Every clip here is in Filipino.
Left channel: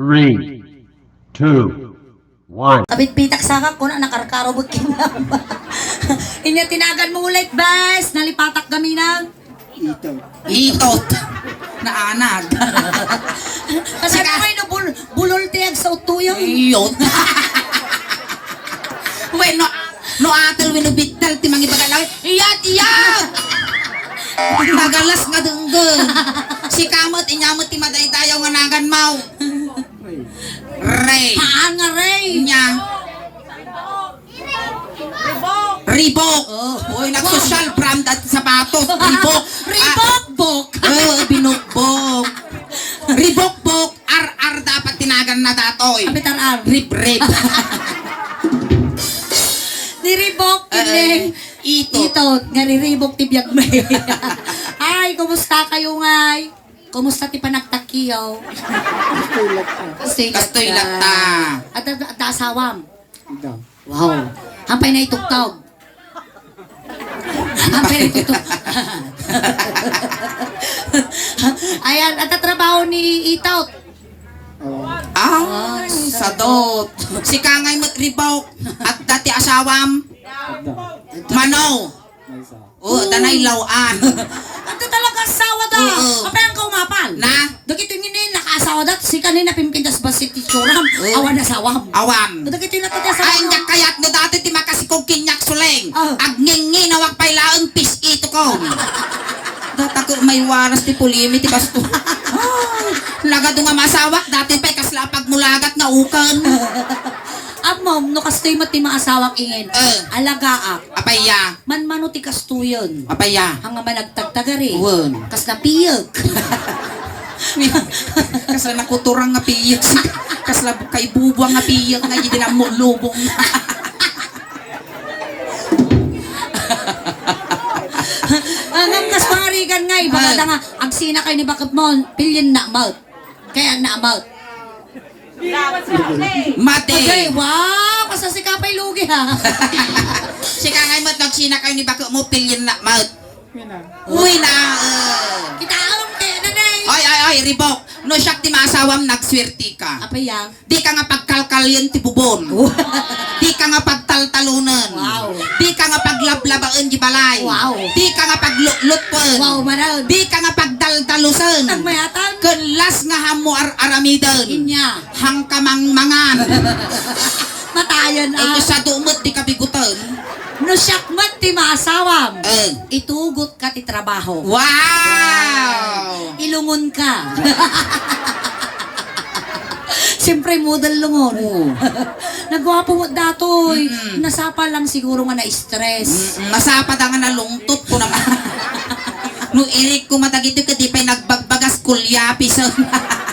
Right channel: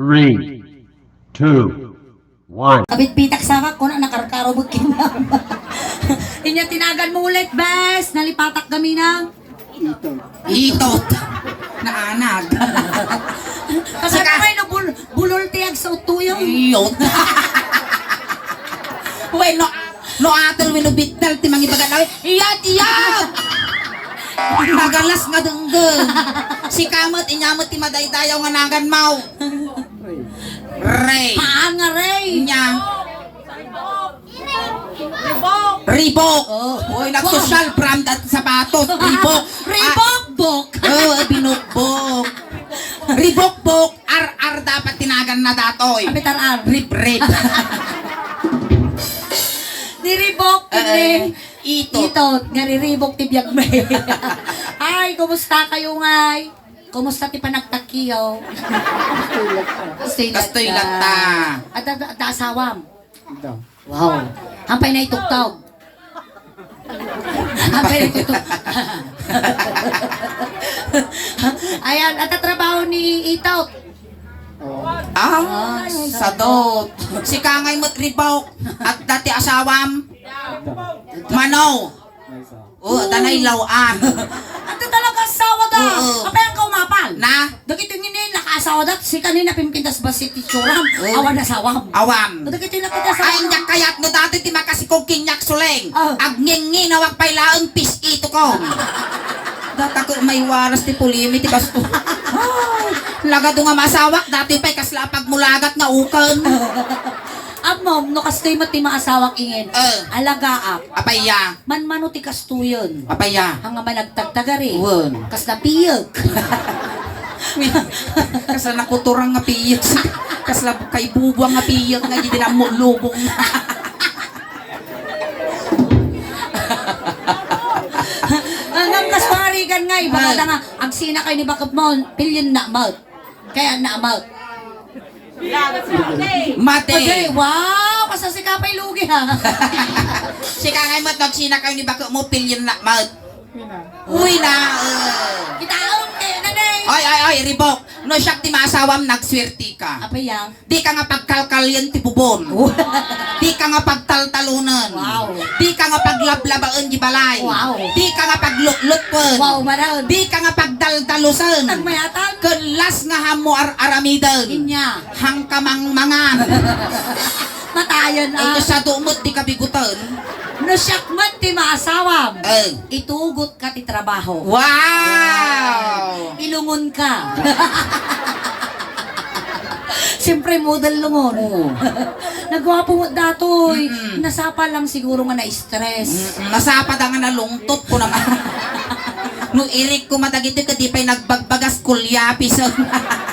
3, 2, 1. Kapit pitak sakak ko na nakarkarobot kinam. Inya tinagan mo ulit, bes. Nalipatak kami ng Itot. Na anag. kasi kamay no bulol tiyag sa utuyang. Iyot. Uy, no atal winubital ti mangi bagalaw. Iyot, iyot. Magalas nga denggen. Si kamot inyamot ti madaydayaw nga nagan mau. Ray. Paan nga, Ray? Nya. Reebok. Uy, nag-social brand at sapatos. Reebok. Reebok-bok. Binukbok. Reebok-bok. Ar dapat tinagan na datoy. Kapitar-ar. Rip. Ni Reebok. Ito. Nga ni Reebok tibiyag may. Ay, kumusta kayo ngay? Kumusta ti panagtakiyaw? Kastoy lata. At asawam? Wow. Hampay na itugtog. Hampay na itugtog. Ayan, at trabaho ni Itot. Sadot. Si Kangay mo't Reebok. At dati asawam. Manaw. Tanay lawan. Ito talaga asawa da. Kapag ang kaumapal. Na? Dagito yun naka-asawa da. Si kanina pimpintas ba si Tichuram. Awan na sawam. Awan. Dagito yun natitas sa Ay, nyak kayat nga dati ti makasikog kinyak suleng. Agningi na wag pailaang pis ito ko. Data ko may waras ti pulimi ti kasto. Lagado nga masawak dati pa'y kaslapag mulagat nga ukan. Mom, no kastoy mo ti maasawak ingin. Alagaak. Apaya. Man-mano ti kastuyon. Apaya. Hanga managtagtagari. Uwan. Kas napiyag. Kasla nakuturang nga piyag. Kasla kay bubuang nga piyag nga hindi na mulubong. Ang kas pangarigan nga, baka nga, ang sina kayo ni bakit mo, pilyin na amount. Kaya na amount. Mate. Okay, wow, kasasikapay lugi ha. Si Kangay mo't nagsina kayo ni bako mo pilyin na mat. Uy na. Kitaon, nanay. Ay, Reebok. No siyak ti maasawam nagswerti ka. Apa yan? Di ka nga pagkalkalyan ti bubon. Di ka nga pagtaltalunan. Wow. Di ka nga paglablabaan di balay. Wow. Di ka nga paglutlupan. Wow, manaw. Di ka nga pagdaldalusan. Nagmayatan. Kunlas nga hamo aramidan. Inya. Hangkamang mangan. Matayan Ay, ah. sa dumot di kabigutan. No siyak man ti maasawam. Ay. Itugot ka ti trabaho. Wow! Ilungon ka. Siyempre model lungon. Nagwapo mo datoy. Nasapa lang siguro nga na-stress. Nasapa da nga nalungtot ko naman. Nung irik ko matagito ka di pa'y nagbagbagas kulyapi sa...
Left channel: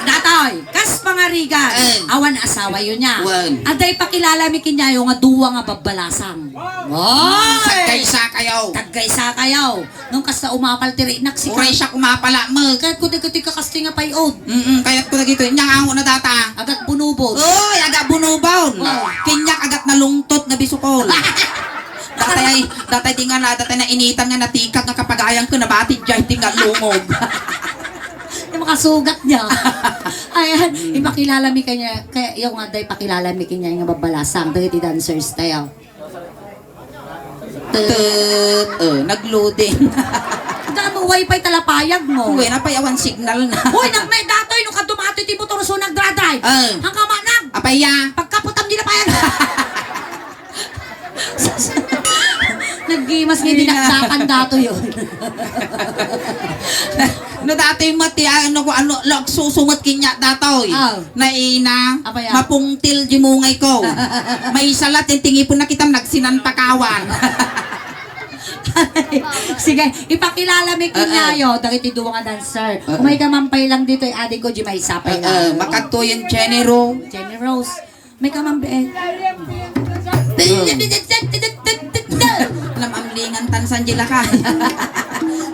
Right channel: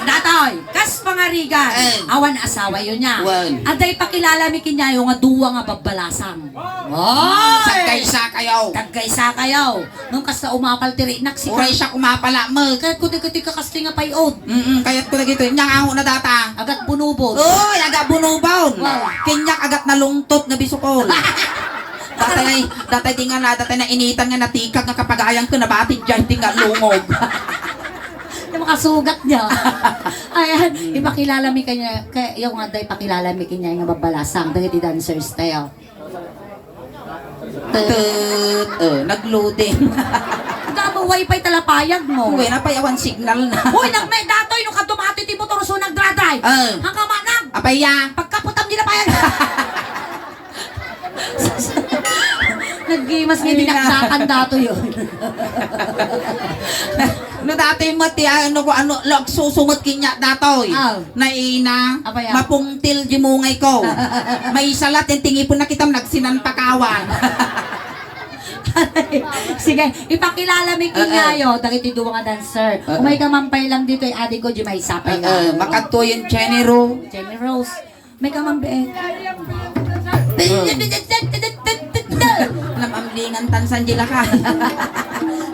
Datoy, kas pangarigan. Awan asawa yun niya. Wan. Aday pakilala mi kinyayo nga duwa nga babbalasan. Sagkay sa kayaw. Tagkaysa kayaw. Nung kas na umapal tiri naksi Uray siya kumapala mo. Kahit kuti ka kasti nga payod. Kaya't ko na gito. Nyang ango na data. Agat bunubod. Uy, aga bunubon. Wow. Kinyak agat nalungtot na bisukol. Datay di nga na, datay na initan nga natikag nga kapag-ayang ko nabatid dyan, di nga lungog. Yung makasugat niya. Ayan, ipakilala mi kanya. Kaya yung aday pakilala mi kanya yung babalasang. Dagiti dancers tayo. Nag-loading. Damo wifi talapayag mo. Uy, napayawan signal na. Uy, nagmay datoy nung kadumatoy ti motor so nagdradrive. Hanggang manag. Apaya. Pagkaputam di na payag. Naggimas nga dinaksakan dato yun. No dati mo ti ano susumot kinya datoy. Na ina Apa yan? mapungtil di mungay ko. May salat yung tingipon na kitam nagsinantakawan. Sige, ipakilala mi kinyayo. Dagiti duwa nga dancer. Kung may kamampay lang dito, adik ko di may sapay na. Makadto yung Jenny Ro. Jenny Rose. May kamampay. Namamlingan tansan dila ka.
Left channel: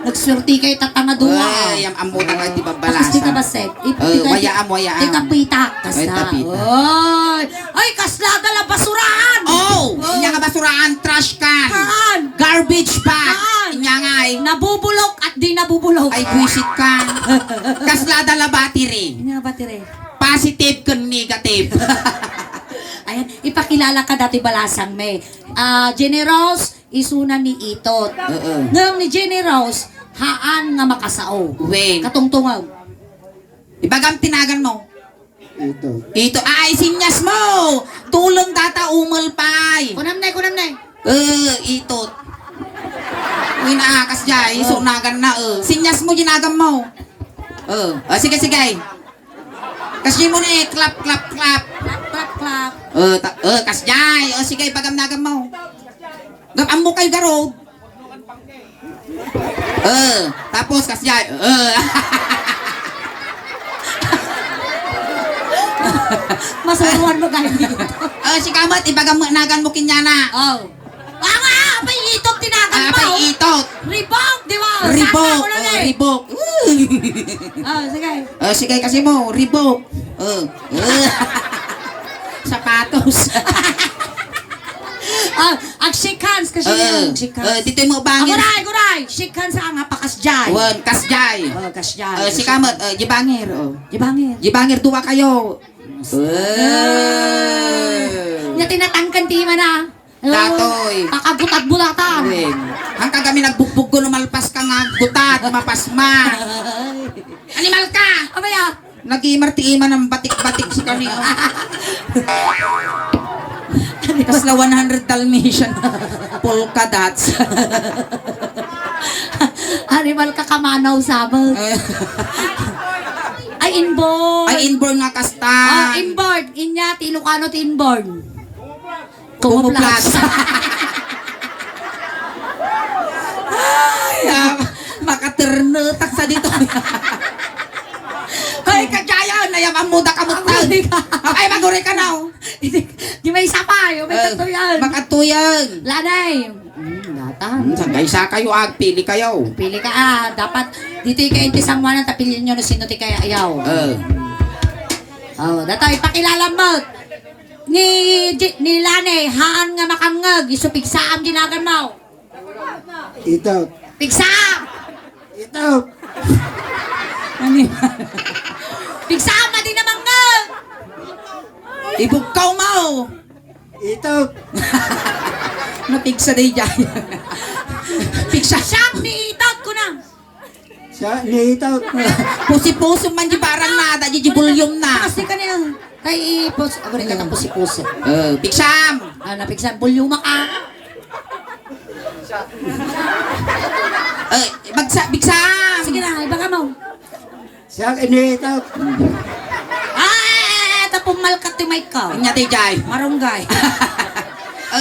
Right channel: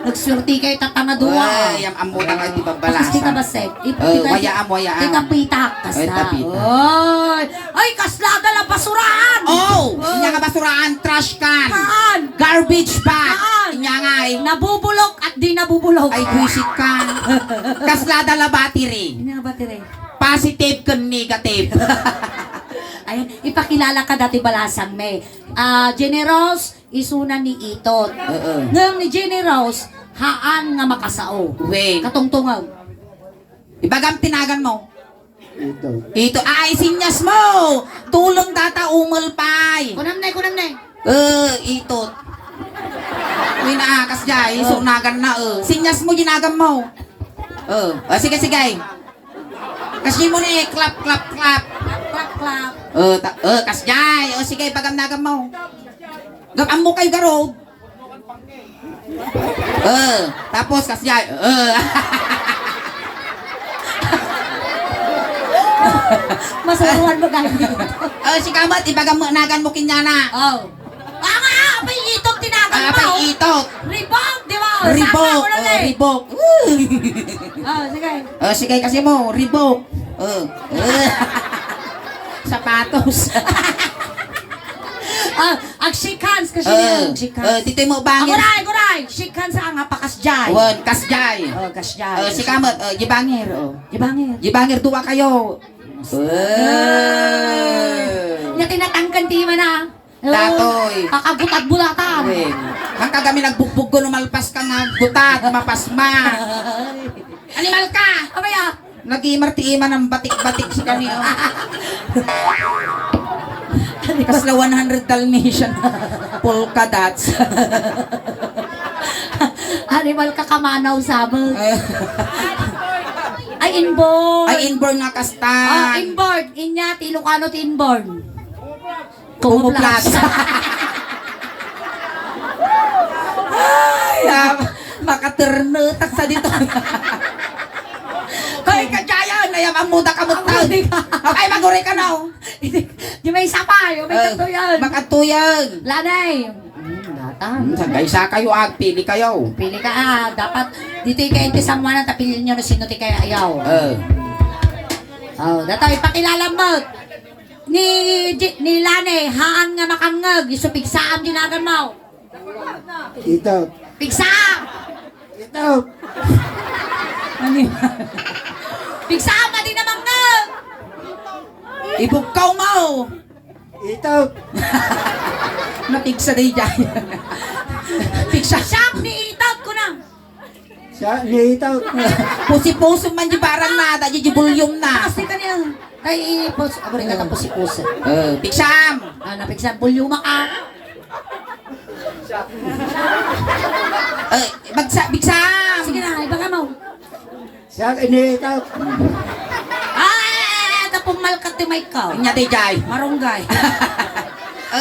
Nagswerte kay tatanga duwa. Ay, ang ambutan nga di babalasa. Kasi ka ba set? Wayaam. Ika pitak. Ay, Kasla. tapita. Ay, kasla dala basurahan. Oh! Inya nga basuraan, trash can. Kaan. Garbage bag. Kaan. Inya nga ay. Nabubulok at di nabubulok. Ay, buisit ka. Kaslada la battery. Ano nga ba tire? positive kun negative. Ayan, ipakilala ka dati balasang may. Generous, isuna ni Itot. Nang ni Generous, haan nga makasao. Wen. Katungtungaw. Ibagam tinagan mo. Ito. Ay, sinyas mo. Tulong tata umulpay. Kunam na. Ito. Uy naakas dyan. Isunagan na. Sinyas mo, ginagam mo. Sige. Kasi mo na clap. Clap. Kas dyan. Sige, pagam-nagam mo. Gapam mo kayo garo. Tapos kas dyan. Masuruan mo kayo dito. Si kamat, ipagam-nagan mo kinyana. Oh. Apay Itot tinagan mo. Apay itot. Ribok, di ba? Ribok. Saka mo lang eh. Ribok. Sige. Sige kasi mo, ribok. Sapatos. Ang shake hands kasi yung shake hands. Dito mo bangir. Guray. Shake hands nga pakasjay. Wan, kasjay. Kasjay. Si kamat, jibangir. Ibangin. Jibangir, duwa kayo. Na tinatangkan ti man na. Tatoy. Kakagutat-bulatan. Ang kagami nagbukbog ko malpas ka nga gutat, mapasma. Animal ka! Abaya. Nag-imarti-iman ng batik-batik si kani. Kasla 100 Dalmatian polka dots. Animal ka kamanaw sabag. Ay, inborn. Ay, inborn nga kasta. Inborn. Inya, ti Ilocano ti inborn. Kumuplas. Ay, makaternetak sa dito. Ay, kajayan, nayang amuda kamutag. Ay, maguri ka na. Di may isa pa. May katuyan. Makatuyan. Lanay. Sagay sa kayo, pili kayo. Pili ka dapat dito kayo intisamuan tapilin nyo na sino ti kaya ayaw. Dato ipakilala mo. Ni Lane, haan nga makangag, isupigsaam ginagan mo. Ito. Pigsaam! Ito. Pigsaam na din naman ngag! Ibugkaw mo. Ito. Mapigsa day dyan. Pigsa. Siyak ni Itot ko na. Sa ito. Pusi-puso man di barang na, da di bulyong na. Kasi ka na yan. Kay ipos. Ako rin ka pusi-pusi. Pigsam. Napigsam. Bulyuma ka. Bigsam. Sige na, ibang mo. Sa ito. Pumalkat ti may ka. Nya day jay. Marunggay.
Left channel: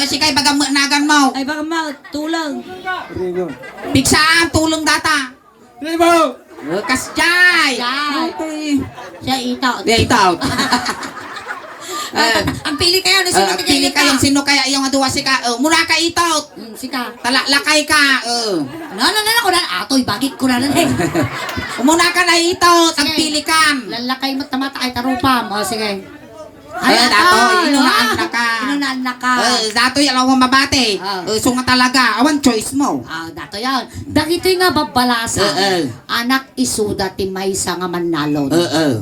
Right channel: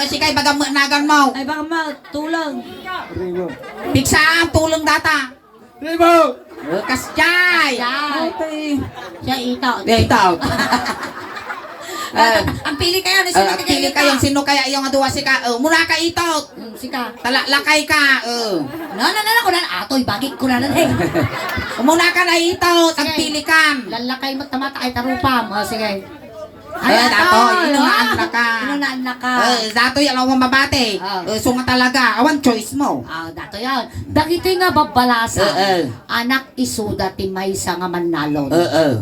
Sikay bagang nagan mo. Ay baka mal, tulang. Ribo. Pigsam, tulong data. Ribo. Kas jay. Siya Itot. Dito. Ang pili kayo na sino ti Pili kayong sino kaya yung aduwa si ka. Muna ka itot. Sika. Lakay ka. Na ko na. Atoy, bagit ko na lang eh. Muna ka na itot. Ang Sige. pilikan. Lalakay mo tamata ay tarupam. O sige. Dato, inunaan na ka. Inunaan na ka. Dato yan ang mabate. Sunga talaga. Awan choice mo. Dato yan. Dagito nga babalasa. Anak isuda ti maysa nga manalon.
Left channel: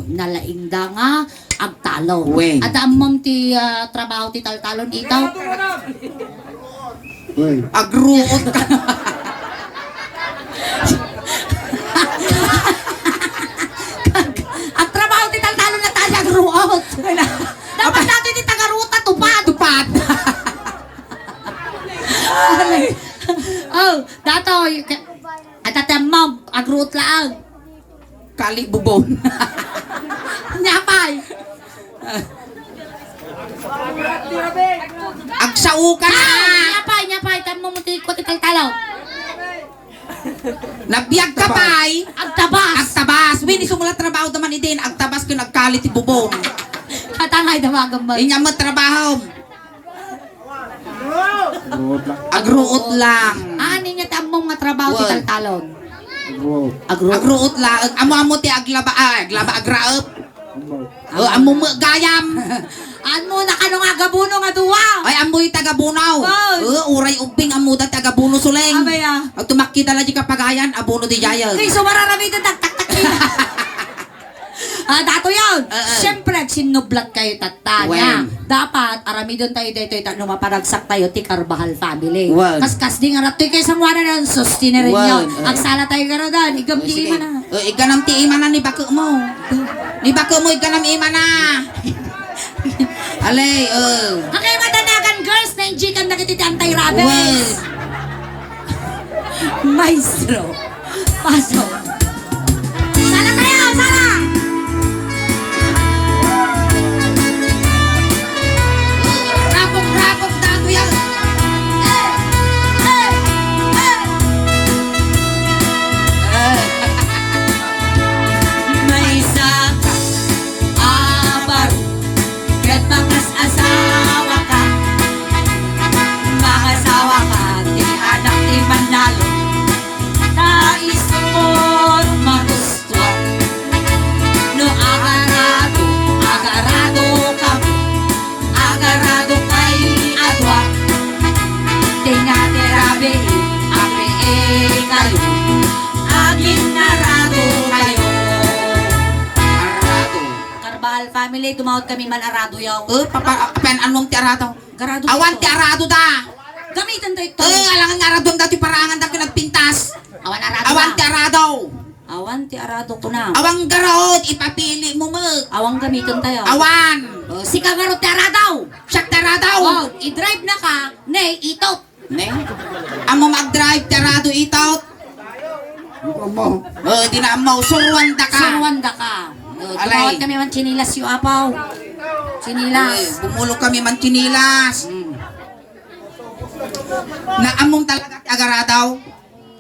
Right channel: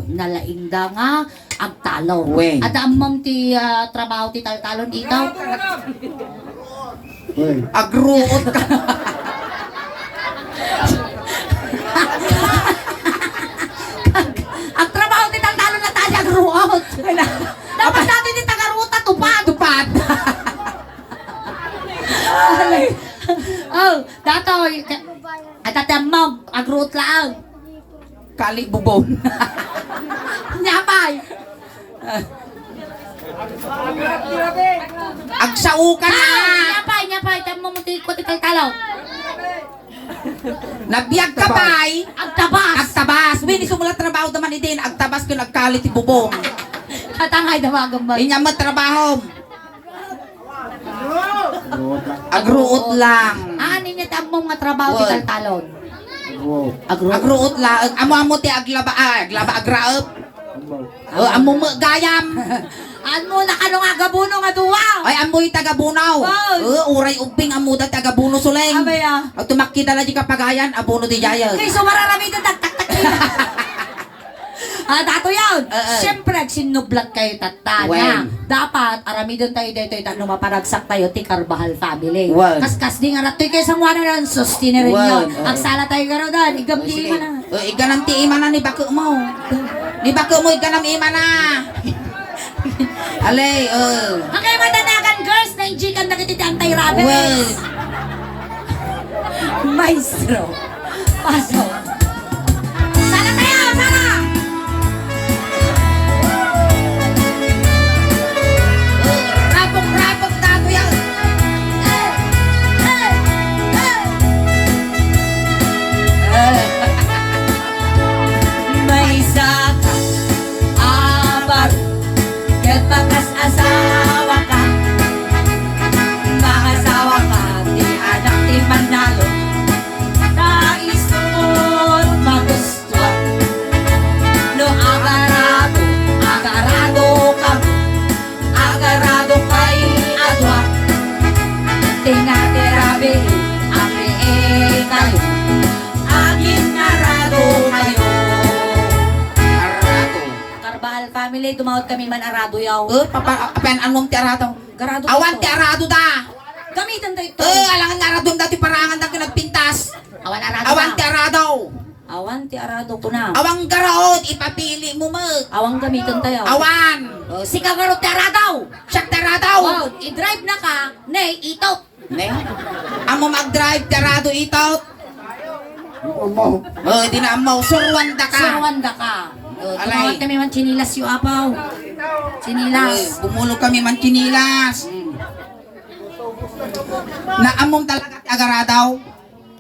Nalaingda nga agtalon. Wen. At amam ti trabaho ti taltalon itaw. Agruot ka. Ang trabaho ti taltalon na tayo agruot. Dapat natin ti tagaruta tupad. Tupad. Dato. At atemam agruot laang. Kali bubon. Nyapay. Agsaukan na. Nyapay. Tamo mo ti ko ti taltalon. Nabiyag ka pa'y. Agtabas. Agtabas. Wini sumulat trabaho naman idin. Agtabas ko nagkalit ti bubon. Katangay damagan mo. Inya mo trabaho. Agruot lang. Ani niya tamo nga trabaho ti taltalon. Agruot lang. Amo ti aglaba agraot. Amo mo gayam. Ano na ka nga gabuno nga duwa. Ay amoy taga Bunaw. Uray ubing amo da taga Buno suleng. Abaya. At tumakita la di kapagayan abono di jaya. Kay sumara na may tak tak tak. Dato yun. Siyempre, sinublat kayo tatanya. Well. Dapat, aramidon tayo dito, no maparagsak tayo, ti Carvajal family. Well. Kaskas di nga ratoy kayo sa mga rin, sustinin rin Well. nyo. Ang sala tayo karodan, igam di Sige. na. Iganam ti ima na ni bako mo. Ni bako mo iganam ima na. Alay, Okay, madanagan girls, na injikam na kititi anti-rabies. Well. Maestro. Pasok. Sala tayo, sala! Rapok na to yan. May isa, abar, ket bakas asawa ka. Mga asawa ka, di anak di manalo. Kaisod magusto. No agarado, agarado ka. Agarado kay adwa. Tinatirabi, ang kayo. Aging narado kayo. Arado. Carvajal family, tumawad kami man arado yaw. Apan anong ti arado? Garado Awan to. ti arado da. Gamitan tayo ito. Alangan nga arado dati parangan da pinagpintas. Awan arado. Awan ti arado. Awan ti arado ko na. Awang garot ipapili mo mo. Awang gamitan tayo. Awan. Si Kagarot ti arado. Siya ti arado. Oh, i-drive na ka. Nay, itot. Ne? Amo mag-drive ti arado itout. Umaw. Di na mo surwan da ka. Surwanda ka. Alay. Tumawad kami man chinilas yung apaw. Chinilas. Bumulo kami man chinilas. Na among talaga ti agaradaw.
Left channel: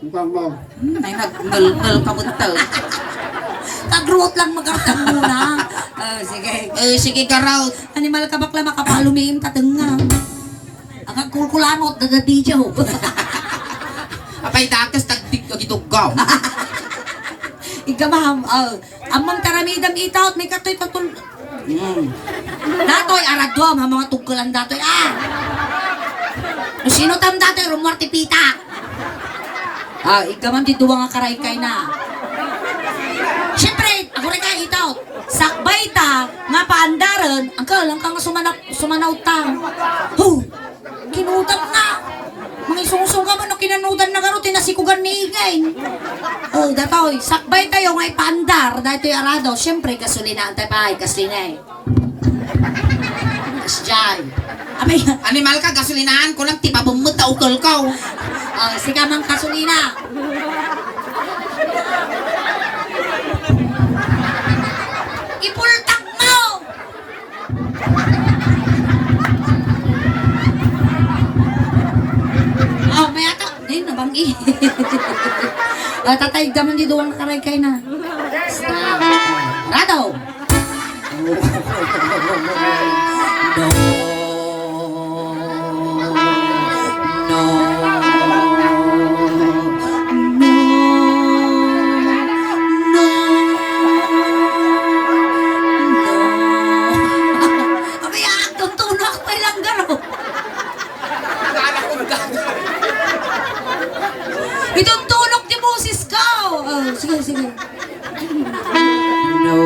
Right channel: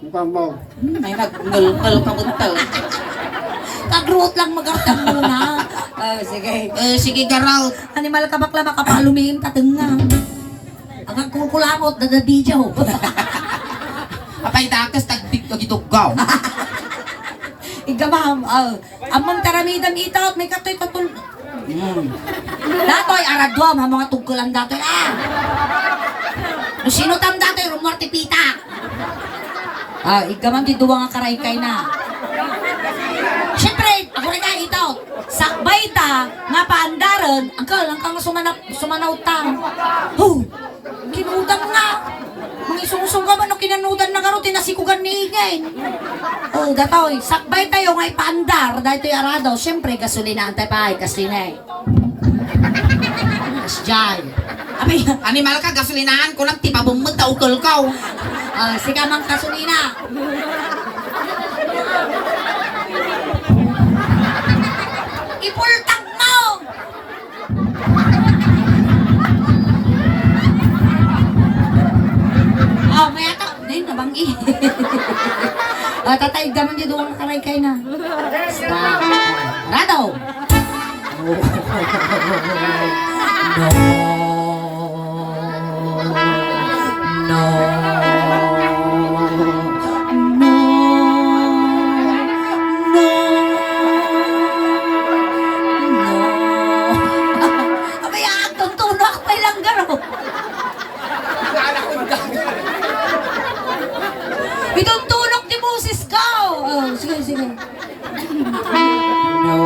Umaw. Ay nag-ngal ka mo to. Kagrot lang magartan muna. Sige. Sige garaw. Animal ka bakla makapalumiin tatengang. Agak kulkulangot dadadijaw. Apay dakas tagdig ka gitugaw. Igamam, amang taramidam itout, may katoy tatul. Datoy, aradwa, mga tugkulan datoy. No sino tam datoy, rumorti pita. Igamam di duwa nga karay kay na. Siyempre, ako rin nga itout. Sakbay ta, nga paandaran, angkal, ang kang sumanaw ta. Kinutang nga. Mga isusong ka ba no kinanudan na garo, tinasikugan ni Igay. Datoy, sakbay tayo ngay pandar, dahil to'y arado, siyempre kasulinaan tayo pa, kasinay. Kasjay. Abay, Animal ka gasolinahan ko lang ti pabumut ta ukol ko. sige mang kasulina. Ipultak mo! May ata, din nabangi. Tatay, daman di doon nakaray kayo na. Stop. Rado! No. Abay, tuntuno ako kay Langgaro. Itong tulog ni Moses ko! Sige. No.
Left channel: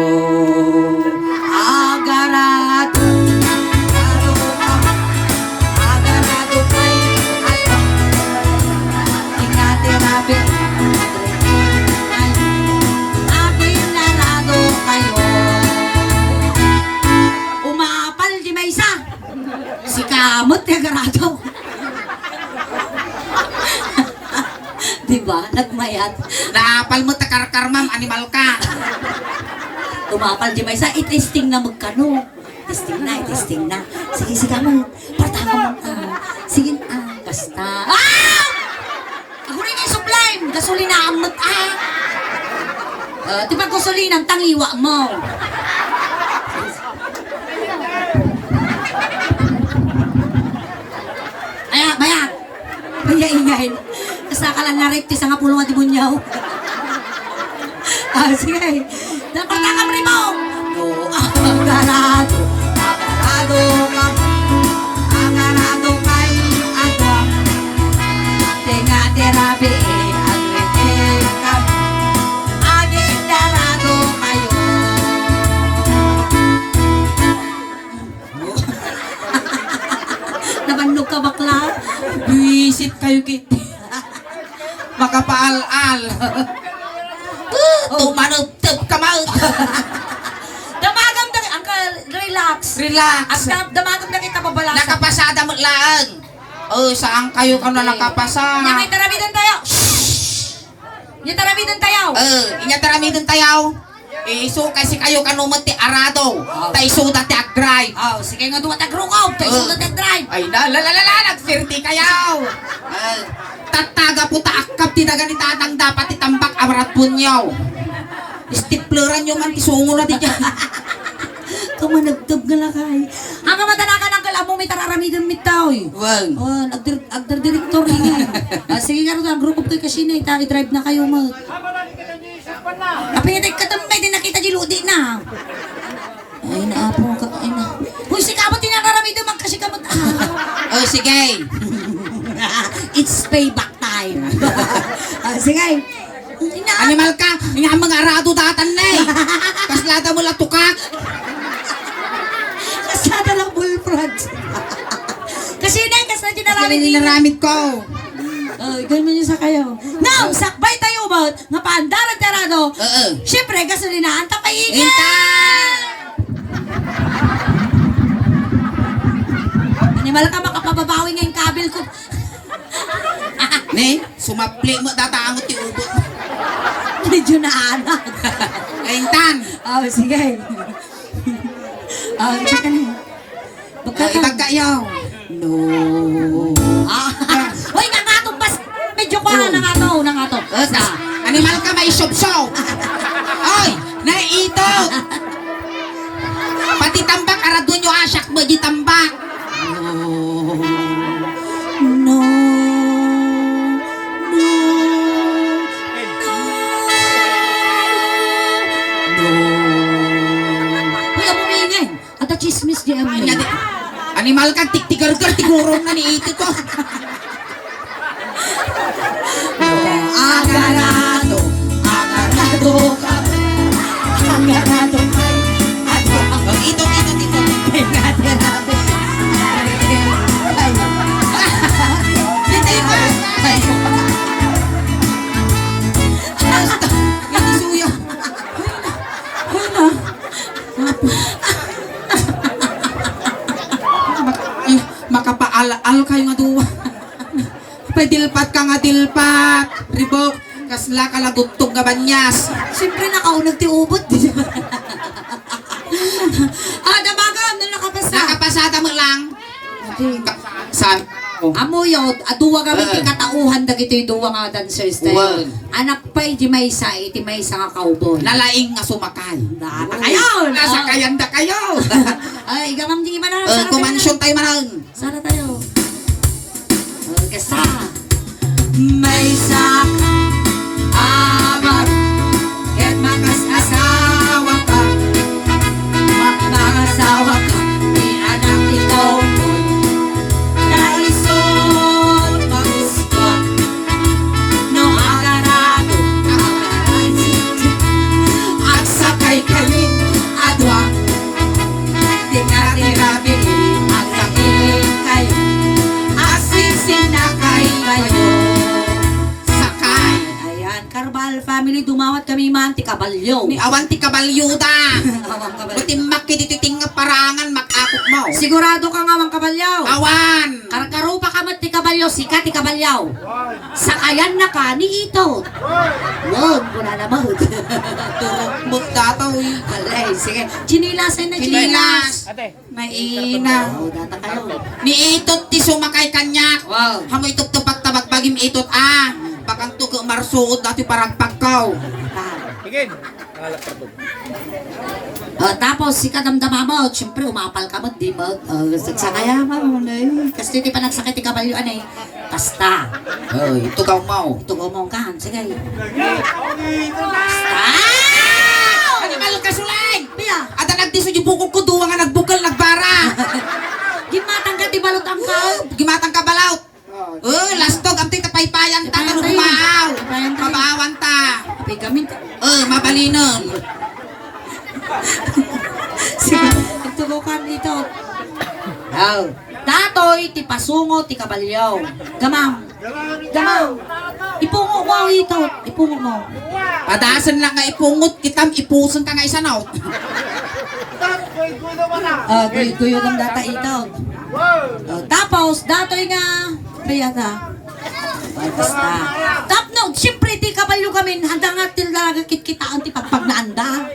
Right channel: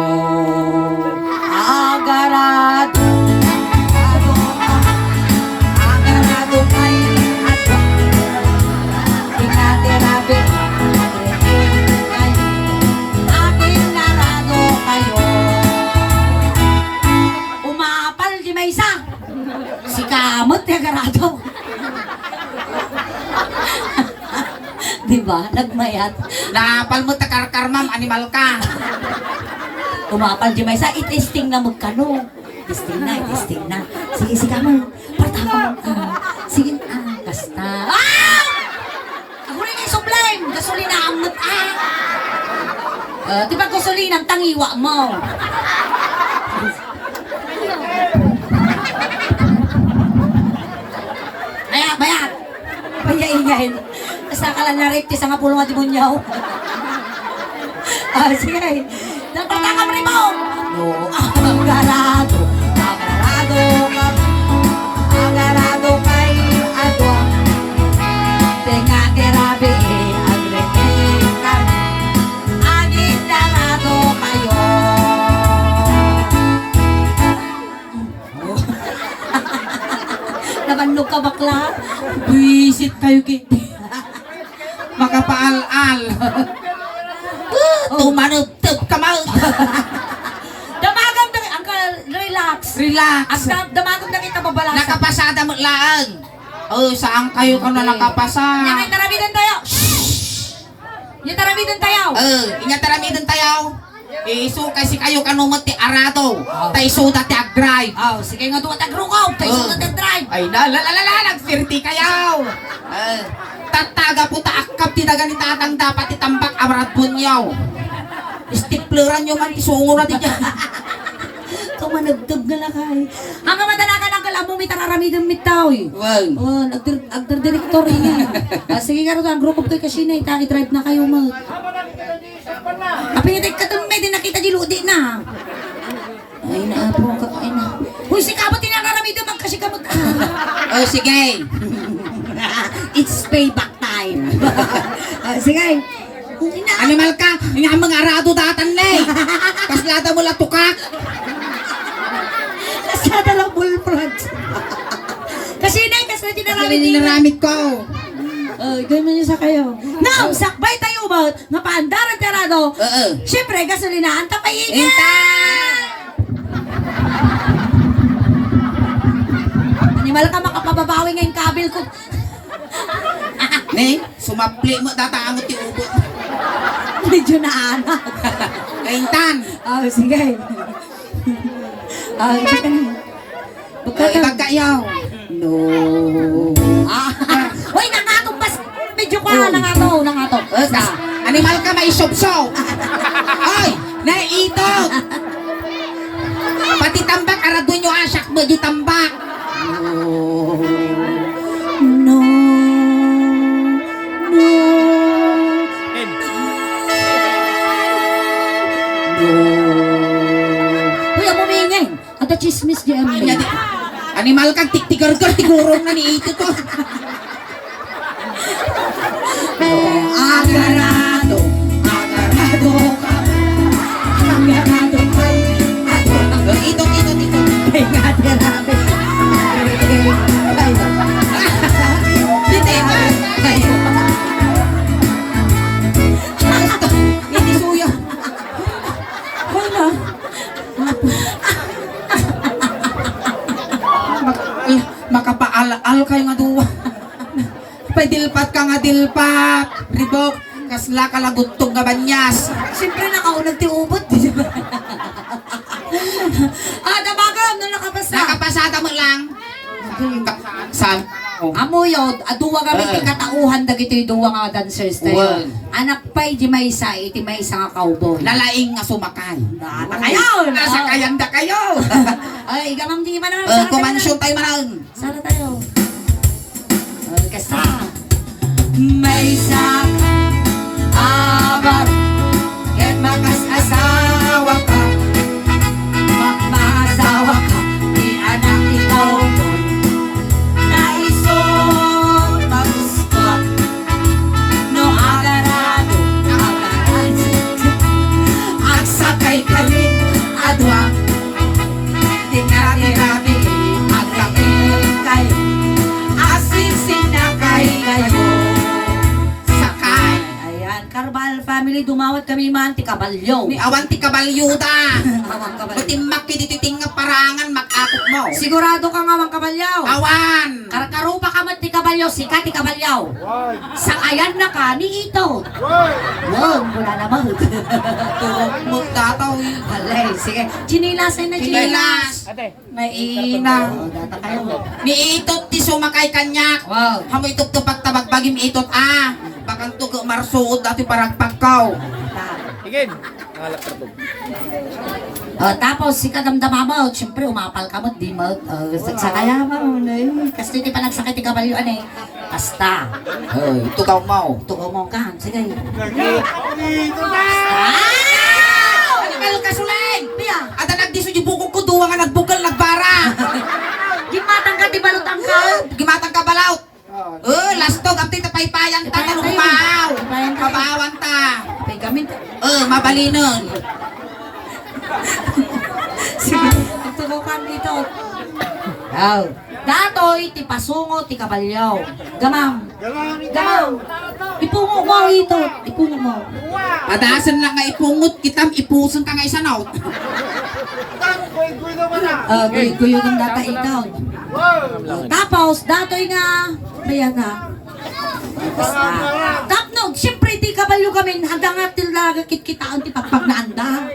Agarado. Agarado kay ato. Tinatirabi. Ay, aking narado kayo. Umapal di may isa. Si Kamot ni Agarado. Diba? Nagmayat. Napal mo ta karkar ma'am, animal ka. Umapal di may isa. I-testing na magkano. Testing na. Sige mo. Partama mo. Sige. Basta. Ako rin yung sublime. Gasolina ang mat. Di ba gasolina ang tangiwa mo? Bayag. Ingay. Kasakalan na rin, kisa nga pulong at imunyaw. Sige. Nagpagkakam rin mo. No, agarado. Agarado kay adwa. Tenga terapi, agrekan. Aging darado kayo. kayo kiti. Makapaal-al. Tumanuptup ka mo. Damagam na, Uncle, relax. Relax. Damagam na kita babalasa. Nakapasada mo laan. Oh, saan kayo ka na nakapasa? Nyangay taramidan tayo. Yung taramidan tayo. Inya taramidan tayo. Iso kasi kayo kanumot ti arado. Tay suda ti agdrive. Oh, sige nga dumat agrukaw. Tayo sunod ang drive. Ay nagfirti kayo. Tataga po taakap ti dagan tatang dapat itambak amarat punyaw. Stipleran yung man isungo na di dyan. Kamanagtog na lang kay. Ang matanakan ang kalamo may tararamidan mitaw. Well. Oh, agdir-direktor niya. Sige nga rin, group of kayo kasi na, i-drive na kayo mo. Kapinitay ka tambay, di nakita di ludi na. Ay, naapo ka, ay na. Uy, si kabot tinararamidan, magkasi kamot. Oh, sige. It's payback time. Sige. Animal ka, nga mga arado datan na eh. Kaslada mo latukak. Kasada lang bullfront. Kasi na, kasi Kasi nilaramit ko. Ganun yun sa kayo. Now, sakbay tayo ba? Nga paandaran tarado. Siyempre, gasolinaan tapayin. Animal ka makapababawi ngayong kabil ko. Ne, sumapli mo tatangamot ti ubot. Medyo na anak. Kaintan. Oh, sige. Sige ka na. Ibagkayaw. No. Hoy, nangatong bas. Medyo ko na nangatong. Animal ka may sobso. Ay, naiitok. Pati tambak arado nyo asyak mo di tambak. No. Kuya mo maingin. At the chismis di amin. Animal ka tiktigar-gar tigurong nga ni ito ko. Agarado ka. Agarado ka. Ito. Agarado. Yan di suyo. Wala. Makapaal-al kayo nga duwa. Padilpat ka nga dilpat. Ribok, kasla ka lagutog nga banyas. Siyempre nakaunag ti ubot. Dabagam, nung nakapasa. Nakapasada mo lang. Saan? Amuyot, aduwa kami ti katauhan dagiti duwa nga dancers tayo. Well. Anak pa'y di may isa, iti may isa nga cowboy. Lalaing nga sumakay. Nata kayo! Nasa kayanda kayo. Ay, gamam di man. Kumansyon tayo manan. Sana tayo. Kasta. May isa abar yan makas asawa ka. Mag-asawa ka. Di anak ni cowboy. Naisot magusto. No agarado. At sakay kayo adwa. Di nga nirabi ang sakay kayo. Asin na kayo. Sakay. Ayan, Carbal family, dumawat kami manti kabalyo. Ni awan ti kabalyuda. Awang kabalyo. Matimbak kiti tinga parangan makakot mo. Sigurado ka nga awang kabalyo. Awan. Karkarupa ka mat ti kabalyo, sika ti kabalyo. Sakayan na ka ni ito. Wag, wala naman. Mut dataw. Alay, sige. Chinilasan na Chinilas. May ina. Data ka lang. Ni itot ti sumakay kanyak. Wow. Hamo itot ti pagtabag pagim itot Pakanto ka marsuot dati parang pagkaw. Higin. Ngalak kartog. Tapos si kadamdama mo, siyempre umapal ka mo, di mo, sagsakaya mo, kasi di pa nagsakit yung kabalyo, kasta. Ito daw mo. Tugo mo ka, sige. Animal ka suleg. Pia, At nagdiso yung bukog ko duwa nga nagbukal nagbara. gimatang ka, di balot ang ka. Gimatang ka balaut. Lastog ang titapaypayan ta ng kumaaw. Kabaawan ta. Okay, kami, Mabalinon. sige, tugo ka dito. Datoy, ti pasungo, ti kabalyaw. Gamam. Gamam. Ipungo mo ito. Ipungo mo. Padasan lang nga ipungot, kitam ipuson ta nga isanaw. Guyo kang data ikaw. Tapos, datoy nga, kaya nga. Basta. Tapno, siyempre ti kabalyo kami, handa nga talaga kitkitaan ti pagpaglaanda.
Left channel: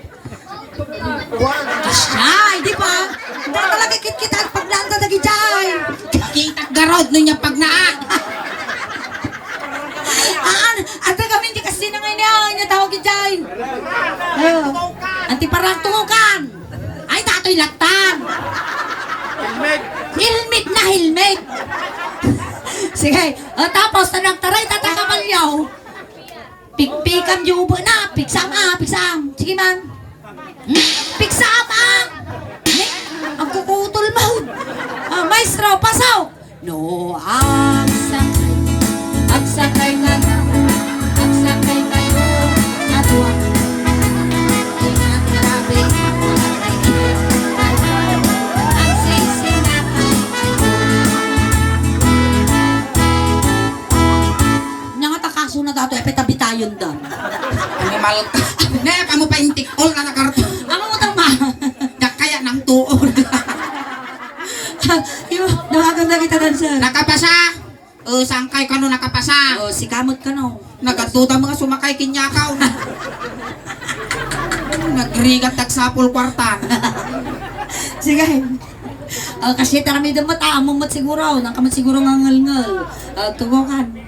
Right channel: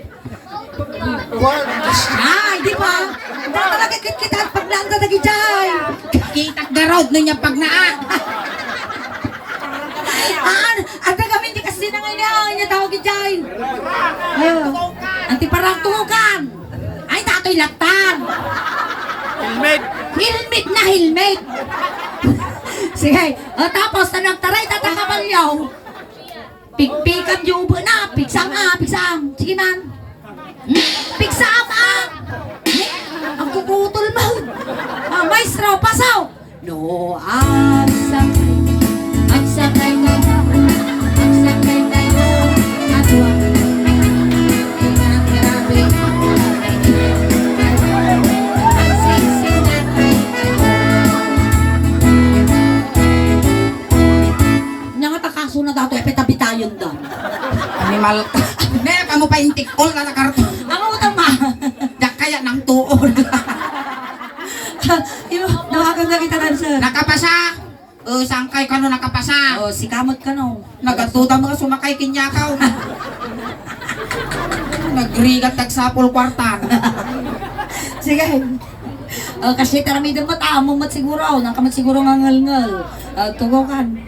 Ay, di ba? Handa talaga kitkitaan paglaanda dagi jay. Kitak garod nun niya pag naa. Anda kami di kasi na ngayon niya tawag jay. Anti parang tungukan. Ay, datoy latan. Helmet. Helmet na helmet. Sige, tapos taray tatang kabalyaw. Pikpikan yung ubo na, piksam. Sige man. Piksam ang kukutol mo. Maestro, pasaw. No, agsakay kayo, at huwag tinatinabi. Kaso na dato, epita-bitayon daw. Animal ka. Ne, kamo pa yung tikol na nakarto. Ano mo ito, ma? Yak kaya ng tuon. Yung, nakaganda kita dan, sir. Nakapasa. Sangkay ka no nakapasa. Si kamot ka, no? Nagatuta mga sumakay kinyakaw. Nagrigat tagsapol kwartan. Sige. Kasi tarami doon mataamong mat siguro. Nang kamat siguro ngangal-ngal. Tugokan.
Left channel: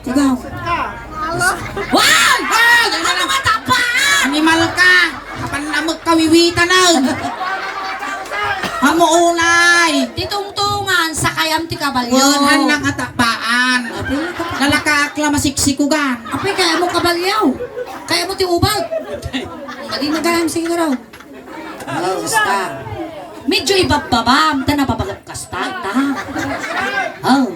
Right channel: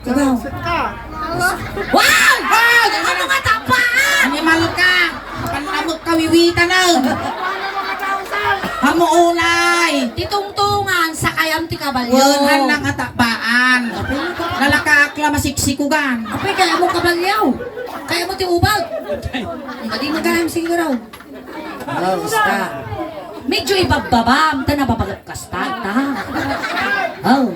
Tugaw. Wow! Ano nga tapaan? Animal ka. Panamot kawiwita na. Hamo unay. Titungtungan sa kayam ti kabalyo. Wala lang atapaan. Lalakakla masiksikugan. Apay, kaya mo kabalyaw. Kaya mo ti ubag. Hindi magalang siguro. Basta. Medyo ibababam. Ta nababalap kasta. Ta. Oh.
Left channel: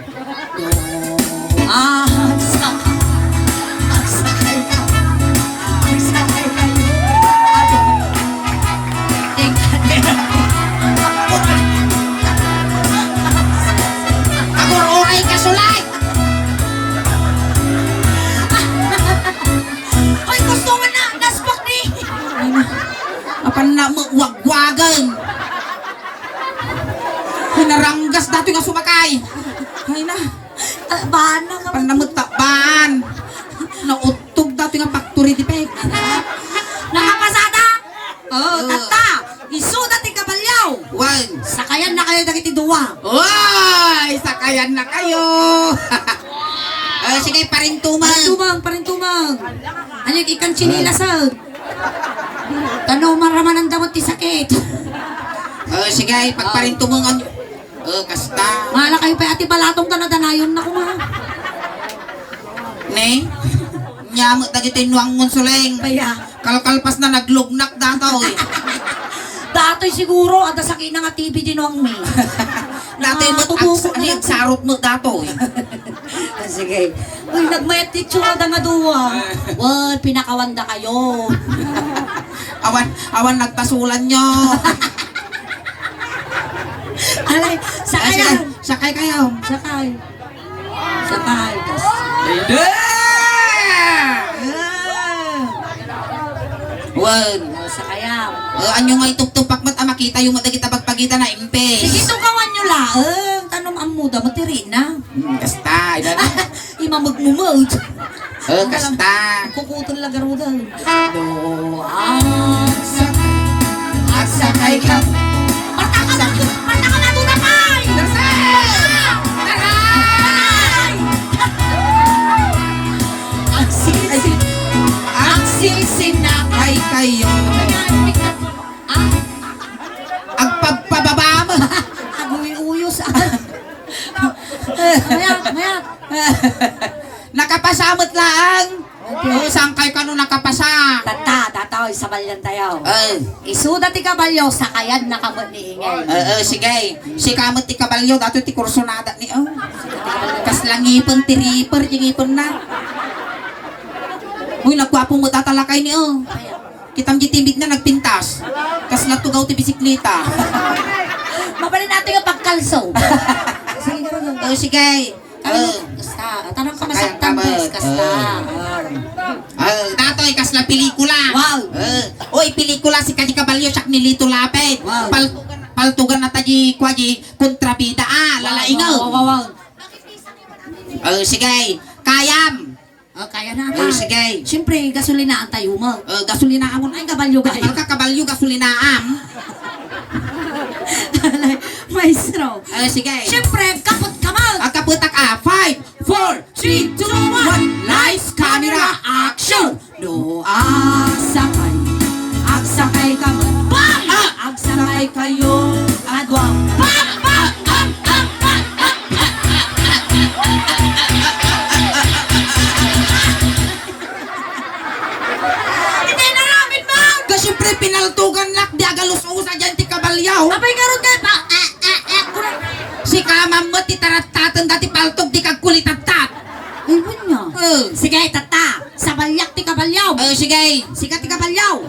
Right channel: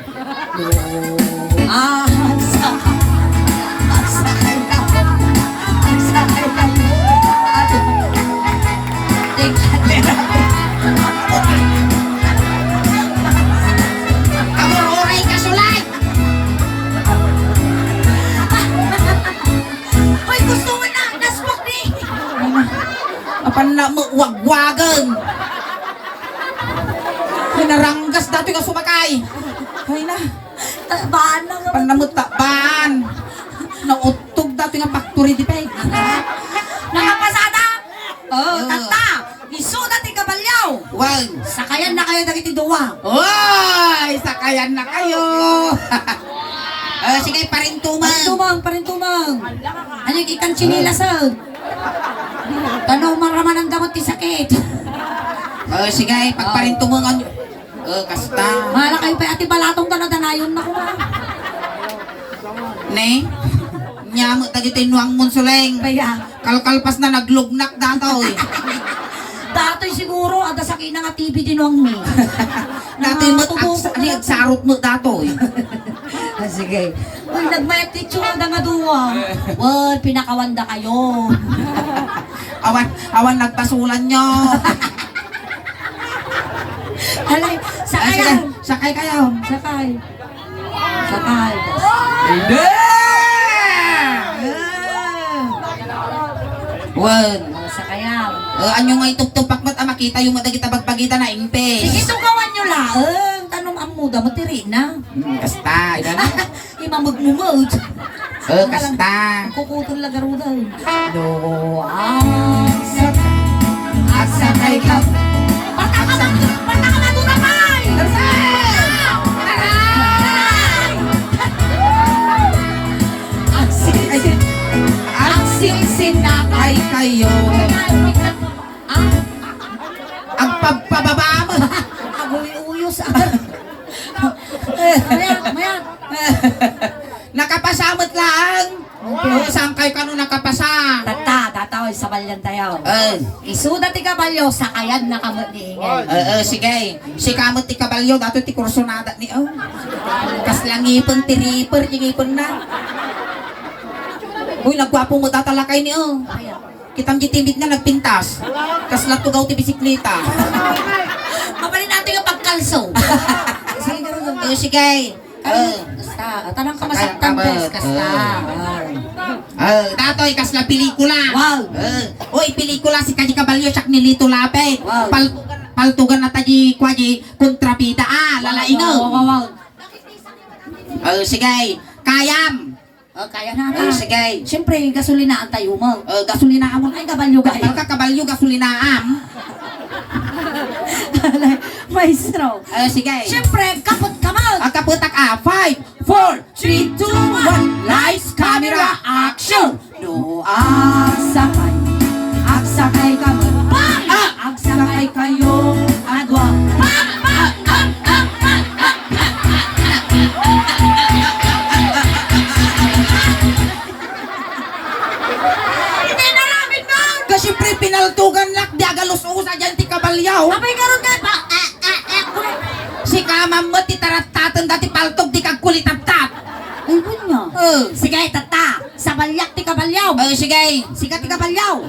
Wagwagan. Hinaranggas dati nga sumakay. Ay na. Tabaan na nga. Panamot takban. Nautog dati nga factory di peg. Nakapasada. Tata. Isuda ti kabalyaw. Wag. Sakayan na kayo dagiti duwa. Oy, sakayan na kayo. Sige, parintumang. Parintumang. Ano yung ikan chinilasag? Tanaw maraman ang damot ti sakit. Sige, pagparintumangan nyo. Kasta. Mahala kayo pa ati balatong tanong-tanayon na kuma. Ne? Nyamot na dito inuang monsuleng. Kaya. Kalkalpas na naglugnak dataw eh. Dato'y siguro, ada sa kina nga TV din ang may. Dati sarot mo dataw eh. Sige. Uy, nagmayat ti tsura da nga duwa. Wal, pinakawanda kayo. Awan nagpasulan nyo. Alay, sakay. Sakay kayo. Sakay. Hindi! Wan. Sakayaw. Anyo nga ituptupak mat makita yung madagita pagpagita na impes. Sige, tukawan nyo laang. Tanong ang muda, matiri na. Kasta. Imamagmumod. Kasta. Kukutol lagaro daw. No, Sakay ka. Sinakay kayo. Ang pagpababa mo. Agoy-uyos. Mayat. Nakapasamot lang. Sangkay ka nung nakapasa. Tataw, sa balyan tayo. Isuda ti kabalyo, sakayan na kamot ni Ingay. Sige. Si kamot ti kabalyo, dato ti kursonada ni Kas lang ipon, ti reaper, ti ipon na. Uy, nagwapo mo tatalakay ni Kitam di timid na nagpintas. Kas natugaw ti bisikleta. Mabalik rin natin ang pagkalso. Sige, garo. Sige. Basta. Tanang ka masaktan, bes. Kasta. Datoy kasla pelikula. Wow. Oy, pelikula si Kaji Kabalyo siyak ni Lito Lapid. Wow. Paltugan na taji kwaji kontrabida lalaingaw. Wow. Sige. Kayam. Kaya na na. Sige. Siyempre, gasolinaan tayo mo. Gasolina amon. Ay, kabalyo ba? Ka kabalyo gasolinaam. Maestro. Sige. Siyempre, kapot kamal. Kaputak 5, 4, 3, 2, 1. Lights, camera, action. Do agsakay ka man. Agsakay kayo, agwa. Hindi na namin ba? Kasi pre pinaltugan lak di agalus-usa dyan ti kabalyaw. Abay karon kay pa. Si kamam mo ti taratatan dati paltog di kagkulitatat. Ay, niya. Sige. Sige, tata. Sa balyak ti kabalyaw. Sige. Sikat ti kabalyaw.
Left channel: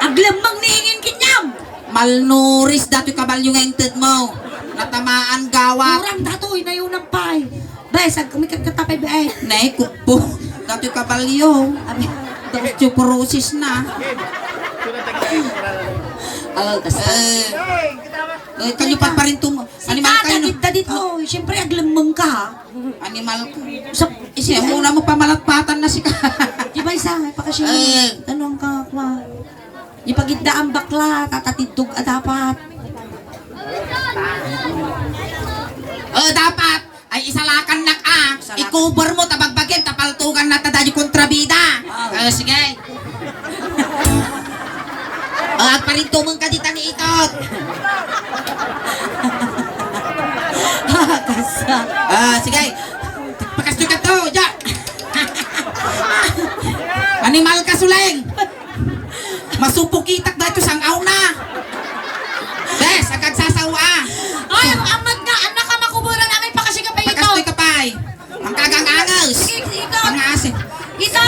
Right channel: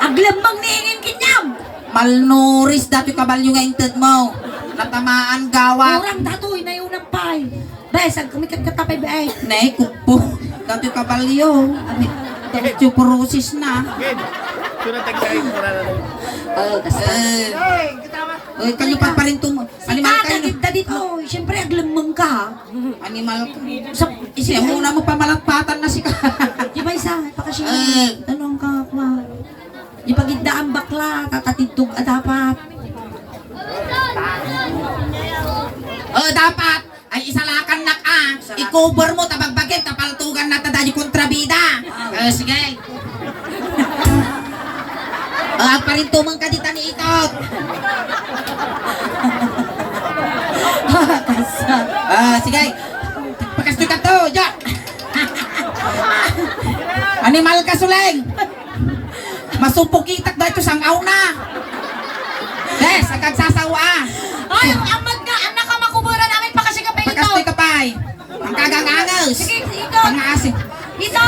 Aglamang niingin kinyam. Malnuris dati kabalyo nga inted mo. Natamaan gawat. Orang datoy na yun ang pay. Bes, ang kumikat ka tapay ba ay. Nay, kupo. Dati kabalyo. Osteoporosis na. Kalipat pa rin tumo. Animal Sika, kayo. dagit dito. Siyempre, aglamang ka. Animal. Sa, Siya muna mo pamalatpatan na si ka. di ba isa? Pakasya. Tanong ka, kwa. Ipagidda ang bakla, katatidog at dapat. Dapat. Ay isalakan na ka. I-cover mo tabagbagin. Tapaltugan na tadadi kontrabida. Sige. At pa rin tumang kadita ni Itot. Sige. Pakastoy ka to. Jack. Animal ka suleng. Masupukitak dahil sang aw na. Des, agad sasawa. Ay, amag nga, anak ka makubura namin pa kasi kapay ito. Pakastoy ka pa'y. Ang kagang-angas. Sige, ito. Pangasi. Ito,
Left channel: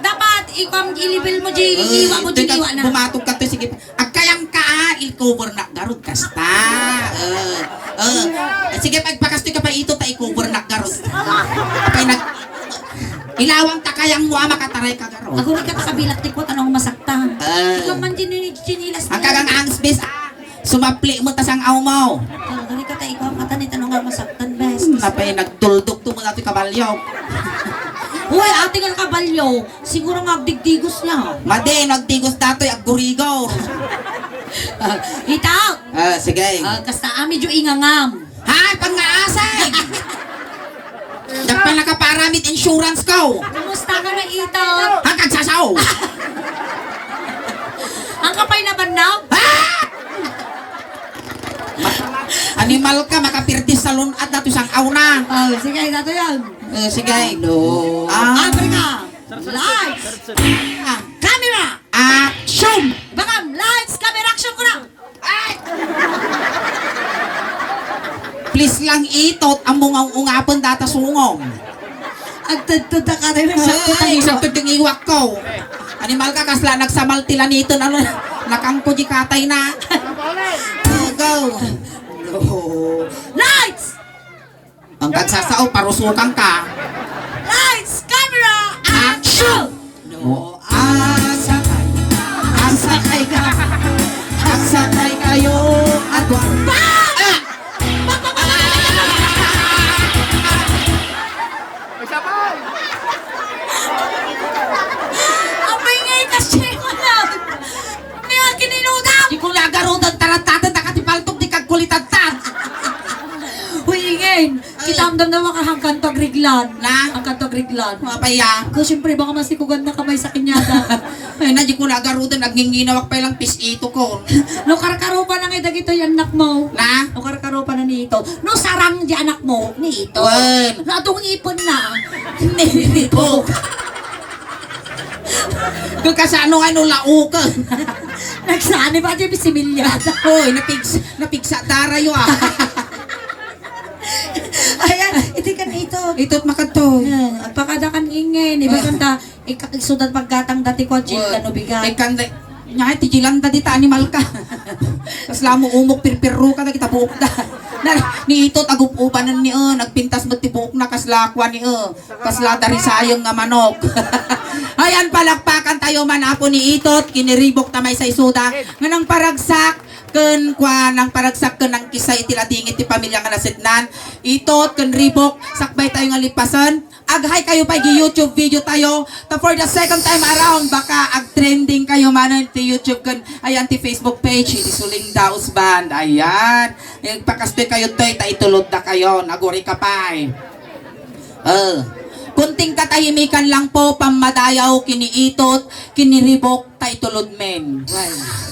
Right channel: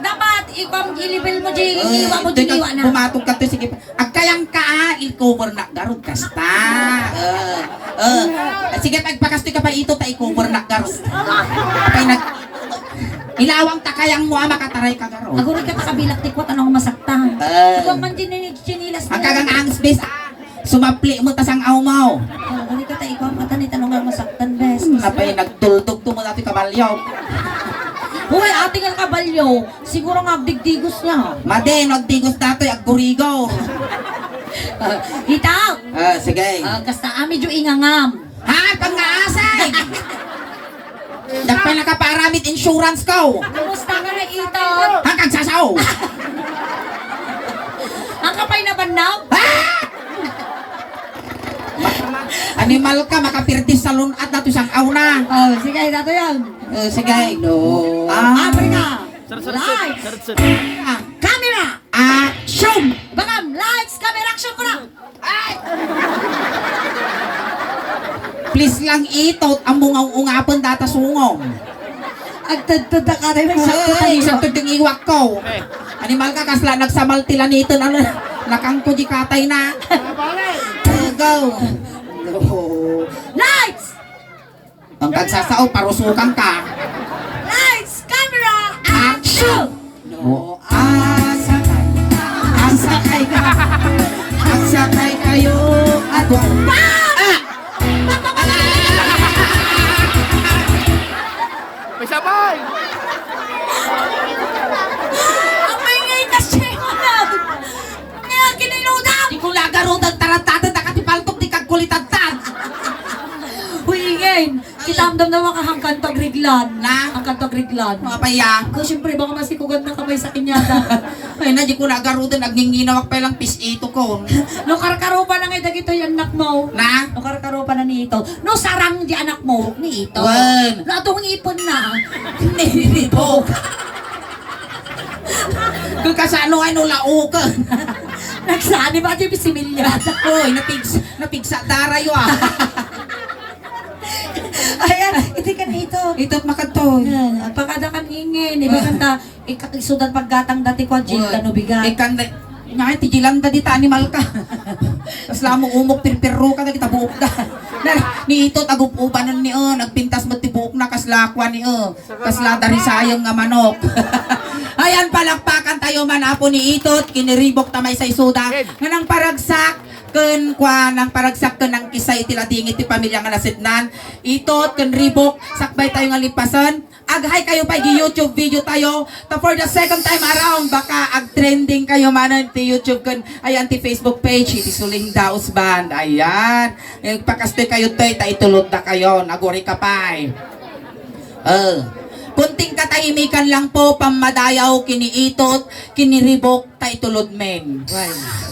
dapat, ikam ilibel mo di, iwa mo di, iwa na. Bumatog ka to. Sige. Agkayang ka, il-cover na. Garod kasta. Sige, pagpakastoy ka pa ito, ta i-cover na garod. Kaya nag... Ilawang takayang mo makataray ka garod. Ako rin ka kabilak tikot, anong masaktan. Ikaw man chinilas Ang kagang-angas, bes. Sumapli mo tasang aw mo. Ako rin ka ta, ikaw ang katanit, anong nga masaktan, bes. Napay nagtuldog to mo natin kabalyaw. Uy, ating ang kabalyo, siguro nga digdigos niya. Made, nagdigos dato'y aggurigaw. Itaw! Sige. Kasta medyo ingangam. Ha? Pang-aasay! Dapay nakaparamit insurance ko. Kumusta ka na ito? Hanggang sasaw. Ang kapay na banaw? Animal ka, makapirtis sa lunat na isang aw na. Sige, dato yan. Sige. No. Ah. Africa! Lights! Camera! Action! Bangam! Lights! Camera! Action ko na! Please lang itot ang bungang-ungapon data sungong. Agtad-tada ka rin. Sakto ting iwak ko. Animal ka, kasla nagsamal tila nito na nakangko di katay na. Go. Lights! Ang kagsasao, parusukan ka. Lights! Camera! Action! No, asakay ka. Asakay kayo at May sabay! Amoy ngitas siya yung alam! Ngayon, kinilutang! Di ko lagarutan taratatan nakatipaltok di kagkulitatan. Huingin! Kitamdam na mga hangkantog riglan. Na? Ang kantog riglan. Mapaya. Kasi siyempre, baka masikugan na kamay sa kinyada. Ay na, di ko lagarutan nagninginawak pa lang pisito ko. No karkaro pa na nga dagito yung anak mo. Na? No karkaro pa na ni ito. No sarang di anak mo ni ito. Wen. No atong ipon na. Nilibog. Kung kasano ano laukan. Nagsani ba di bisimilyada? Hoy, napigsa darayo ah. Ayan, iti kan ito. Ito't makatoy. Pagkada kan ingin, iba kanta, ikakisudan paggatang dati ko, Jill, ano bigay. Ikan Nga, tigilan da dita, animal ka. Kasla mo umok, pirpirro ka na kita buok da. Ni itot, agupubanan ni nagpintas mo tibuok na kaslakwa ni kasla dari sayong nga manok. Ayan, palakpakan tayo man apo ni itot, kiniribok tamay sa isuda. Nga nang paragsak, ken kwa nang paragsak ken nang kisay tiladingit ti pamilya nga nasitnan. Itot, ken ribok, sakbay tayo nga lipasan. Aghay kayo pa YouTube video tayo. For the second time around, baka ag-trending kayo manan ti YouTube kan ayan ti Facebook page iti Suling Daos Band. Ayan. Pakastoy kayo toy ta itulod na kayo. Naguri ka pa. Kunting katahimikan lang po pamadayaw kiniitot, kiniribok ta itulod men.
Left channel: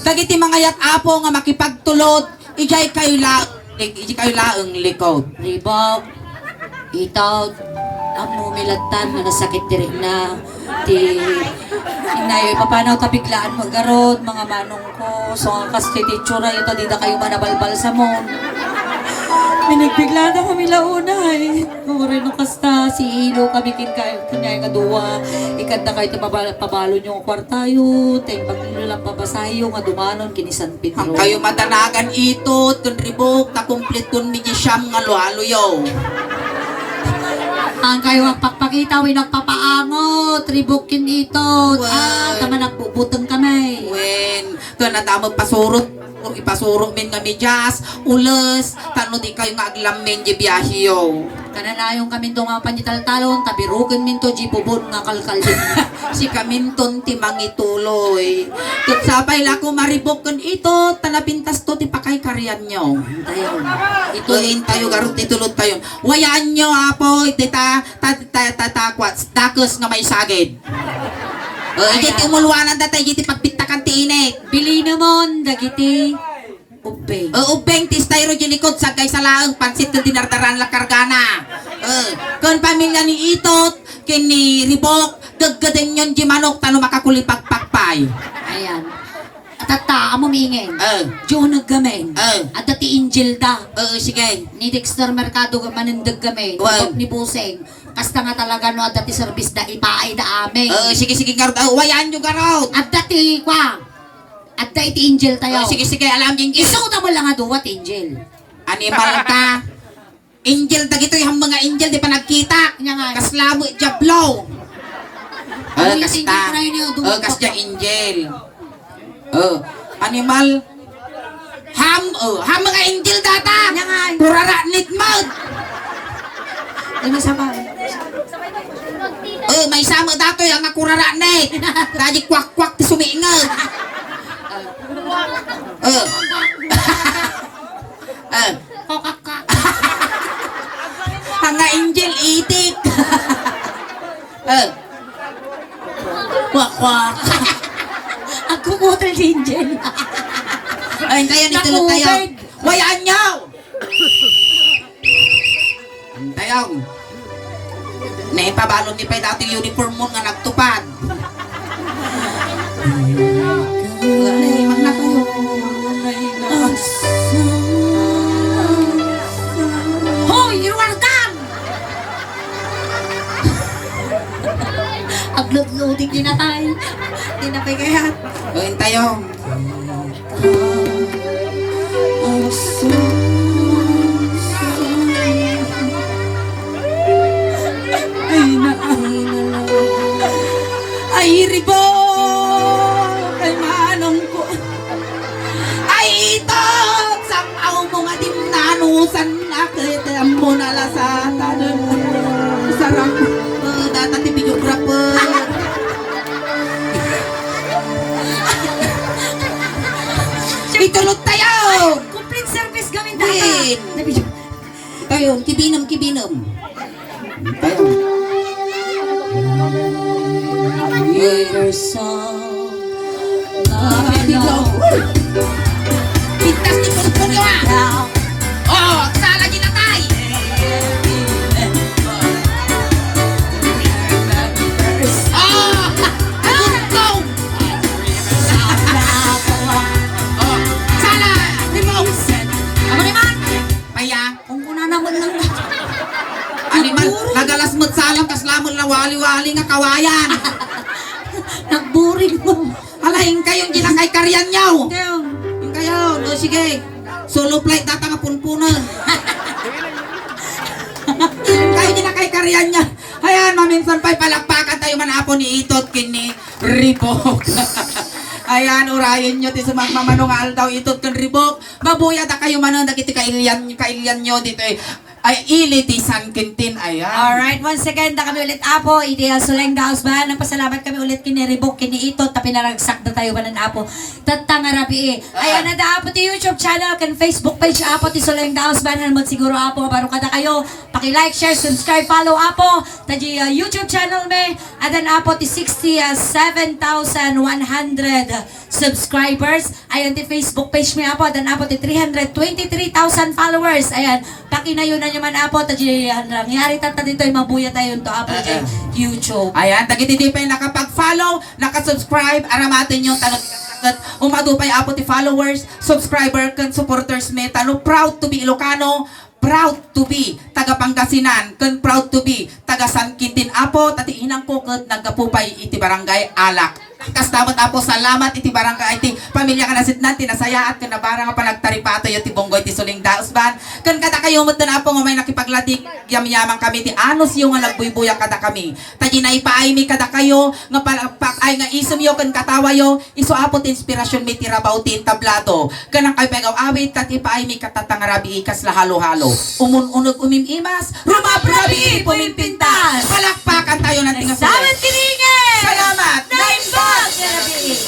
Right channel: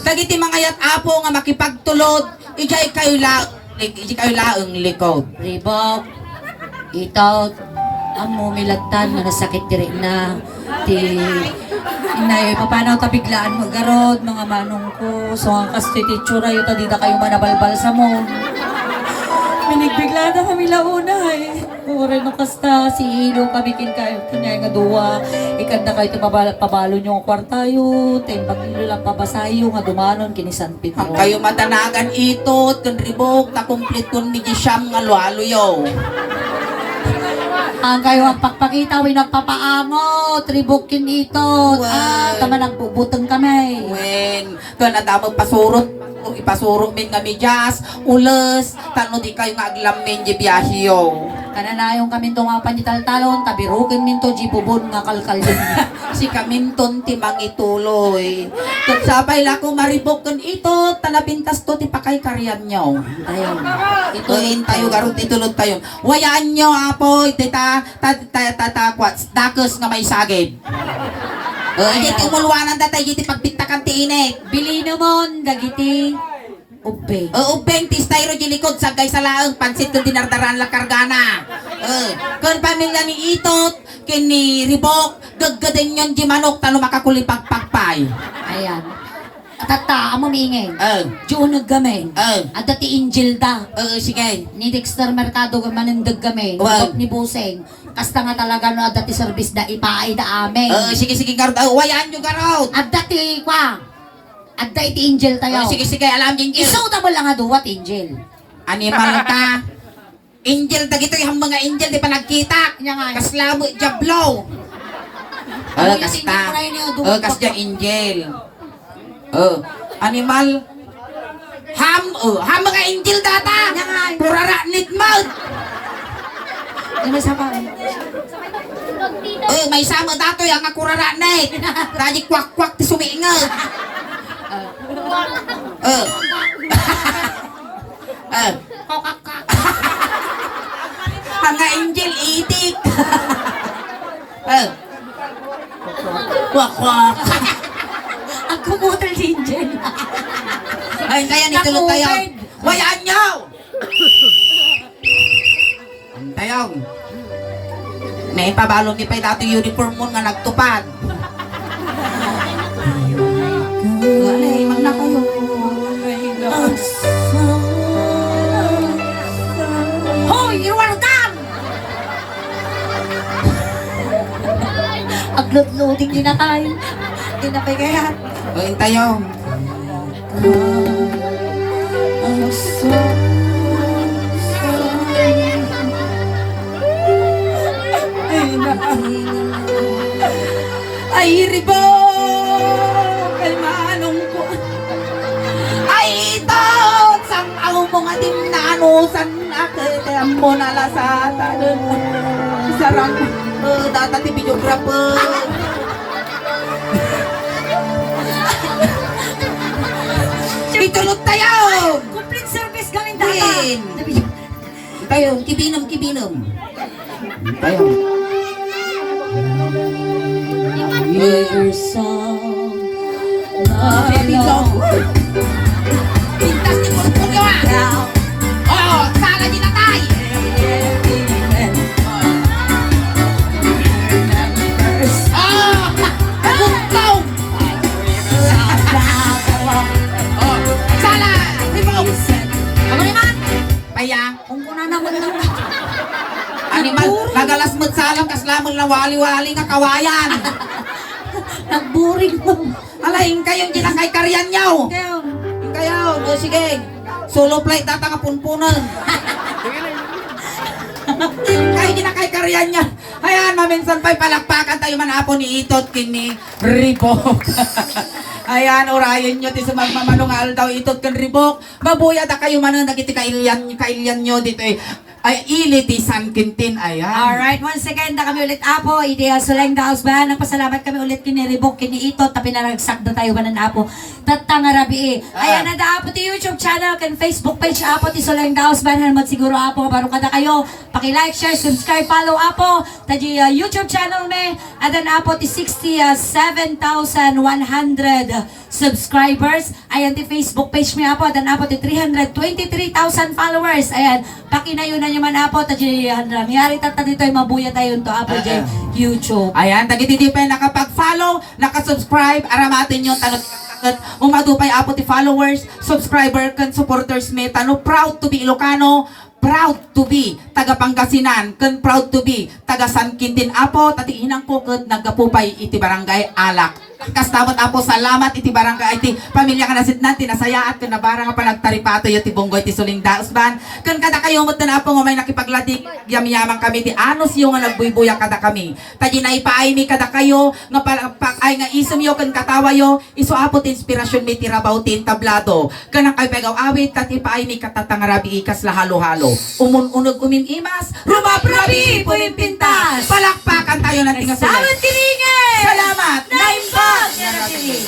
Dagiti mga yat apo nga makipagtulod, ijay kayo laeng likod. Ribok, itot, amo milagtan na nasakit diri na ti inayo ipapanaw ta biglaan maggarod mga manong ko so ang kastoy ti tsura yuta di da kayo manabalbal sa mo binigbigla na kami launa eh uri no kasta si Ino kami kinay nga duwa ikanda kayo ti pabalo nyo ang kwartayo timbang ilo lang pabasayo nga dumanon kini San Pedro Ang kayo matanagan itot, kun ribok, ta complete kun ni Siyam nga lualuyo. ang kayo ang pagpakita wi nagpapaangot ribukin ito tama nagpubutong kami Wen, kun adamot pasurot, kung ipasurot min nga medyas, ules, tano di kayo nga aglamin di biyahiyo. kananayong kami to nga panyitaltalon tabirukin min to jibubon nga kalkal din Si kaminton ti mangituloy. Ket sabay la ko maribok kun ito, tanapintas to ti pakay karyan nyo. tayo Ituin tayo garot itulod tayo. Wayaan nyo apo, iti kwats, dakos nga may sagid. Iti ti umulwanan datay, iti pagpintakan ti init. bili namon dagiti ube Ubeng ti styro di likod sagay sa laeng pansit ken dinardaran la kargana. Kun pamilya ni itot ken ni ribok gaggadeng yon di manok tano makakulipag pagpay. ayan atata amo miingin Eh, Diyon naggamen eh, at dati Angel da sige. ni Dexter Mercado manindag kami Well. ni Buseng kasta nga talaga no at dati service da ipaay da amin Sige garot. Wayaan nyo garot. at dati kwa at dati Angel tayo Sige alam din. isuta mo lang nga duwat Angel Ani pa ta. Angel dagito yung mga angel di pa nagkita. Nya nga. Kaslamo jablo. Ano yung Kasta. tingin na yun yung duwat Kasta angel. Animal. Ham mga angel data. Nya nga. Purara nitmod. ano sa ba May samo dato yung nga kurara nit. Kaji kwak ti sumiingag. kokaka Mga angel itik. Kwak. ako motor Angel Ay, kaya nitulog tayo. Nakubed. Wayaan nyo! Tayo. Naipabalo ni Pay dati uniform mo nga nagtupad. Ay, wag na kayo. hoy you are gone upload-loading din na tayo hindi na pagayat Uy, tayo. Ay, ribo! Ay, manong ko. Ay, itog! Samaw mo nga dimnanusan na kay tempo na lasata dun. Sarang, data ti videographer. Itulot tayo! complete service gawin Win! Tayo, kibinam. Tayo. Your song Pintas ni Purpuryo sala di natay! Agutlaw! Sala! Limaw! Ano naman? Paya? kung kuna naman lang Animal, nagalas mo salam kaslamon na wali-wali nga kawayan. Nagburing mo. Alahin kayong di na kay karyan nyaw. Kayo. Yung kayo, o sige. Solo flight data nga punpunan. Kayo di na kay karyan niya. Ayan, maminsan pa'y palakpakan tayo manapon ni Itot kini Ribok. Ayan, urayin nyo ti sumagmamanungal daw Itot kin Ribok. Mabuya ta kayo manon, nakiti kailian nyo dito eh. Ay, ili ti San Quintin, ayan. Alright, once again, na kami ulit apo, Ideal Suleng Daos ba? Nagpasalamat kami ulit kini Ribok, kini Itot, tapi naragsak na tayo ba ng apo. Tatanga rabi eh. Ayan, nanda apo ti YouTube channel, kan Facebook page apo ti Suleng Daos ba? Hanmat siguro apo, baro kada kayo. Paki-like, share, subscribe, follow apo. Taji YouTube channel me, adan apo ti 67,100 subscribers. Ayan ti Facebook page me apo, adan apo ti 323,000 followers. Ayan, pakinayo na nyo man apo, taji nangyari tata dito ay mabuya tayo to apo dyan YouTube. Ayan, tagiti pa nakapag-follow, nakasubscribe, aramatin yung tanong umadupay apo ti followers, subscriber, kan supporters me, tano proud to be Ilocano, proud to be taga Pangasinan, kan proud to be taga San Quintin apo, tati inang pukot nagkapupay iti barangay Alak. Kas dapat apo salamat iti barangay iti pamilya ka nasidnan tinasayaat kan nabara nga panagtaripato yo ti bonggoy ti Suling Daos ban. Kan kada kayo met na apo nga may nakipagladik yamyaman kami ti anos yo nga nagbuybuya kada kami. Taji na ipaay mi kada kayo nga palakpak ay nga isum yo kan katawa yo iso apo ti inspirasyon mi ti rabaw ti tablado. Kanang kay pegaw awit kat ipaay mi katatang rabi ikas lahalo-halo. Unog umimimas, rumaprabi puminpintas. Palakpakan tayo ng tinga Salamat kiringin! Salamat! Nine bucks! Yan ang kiring.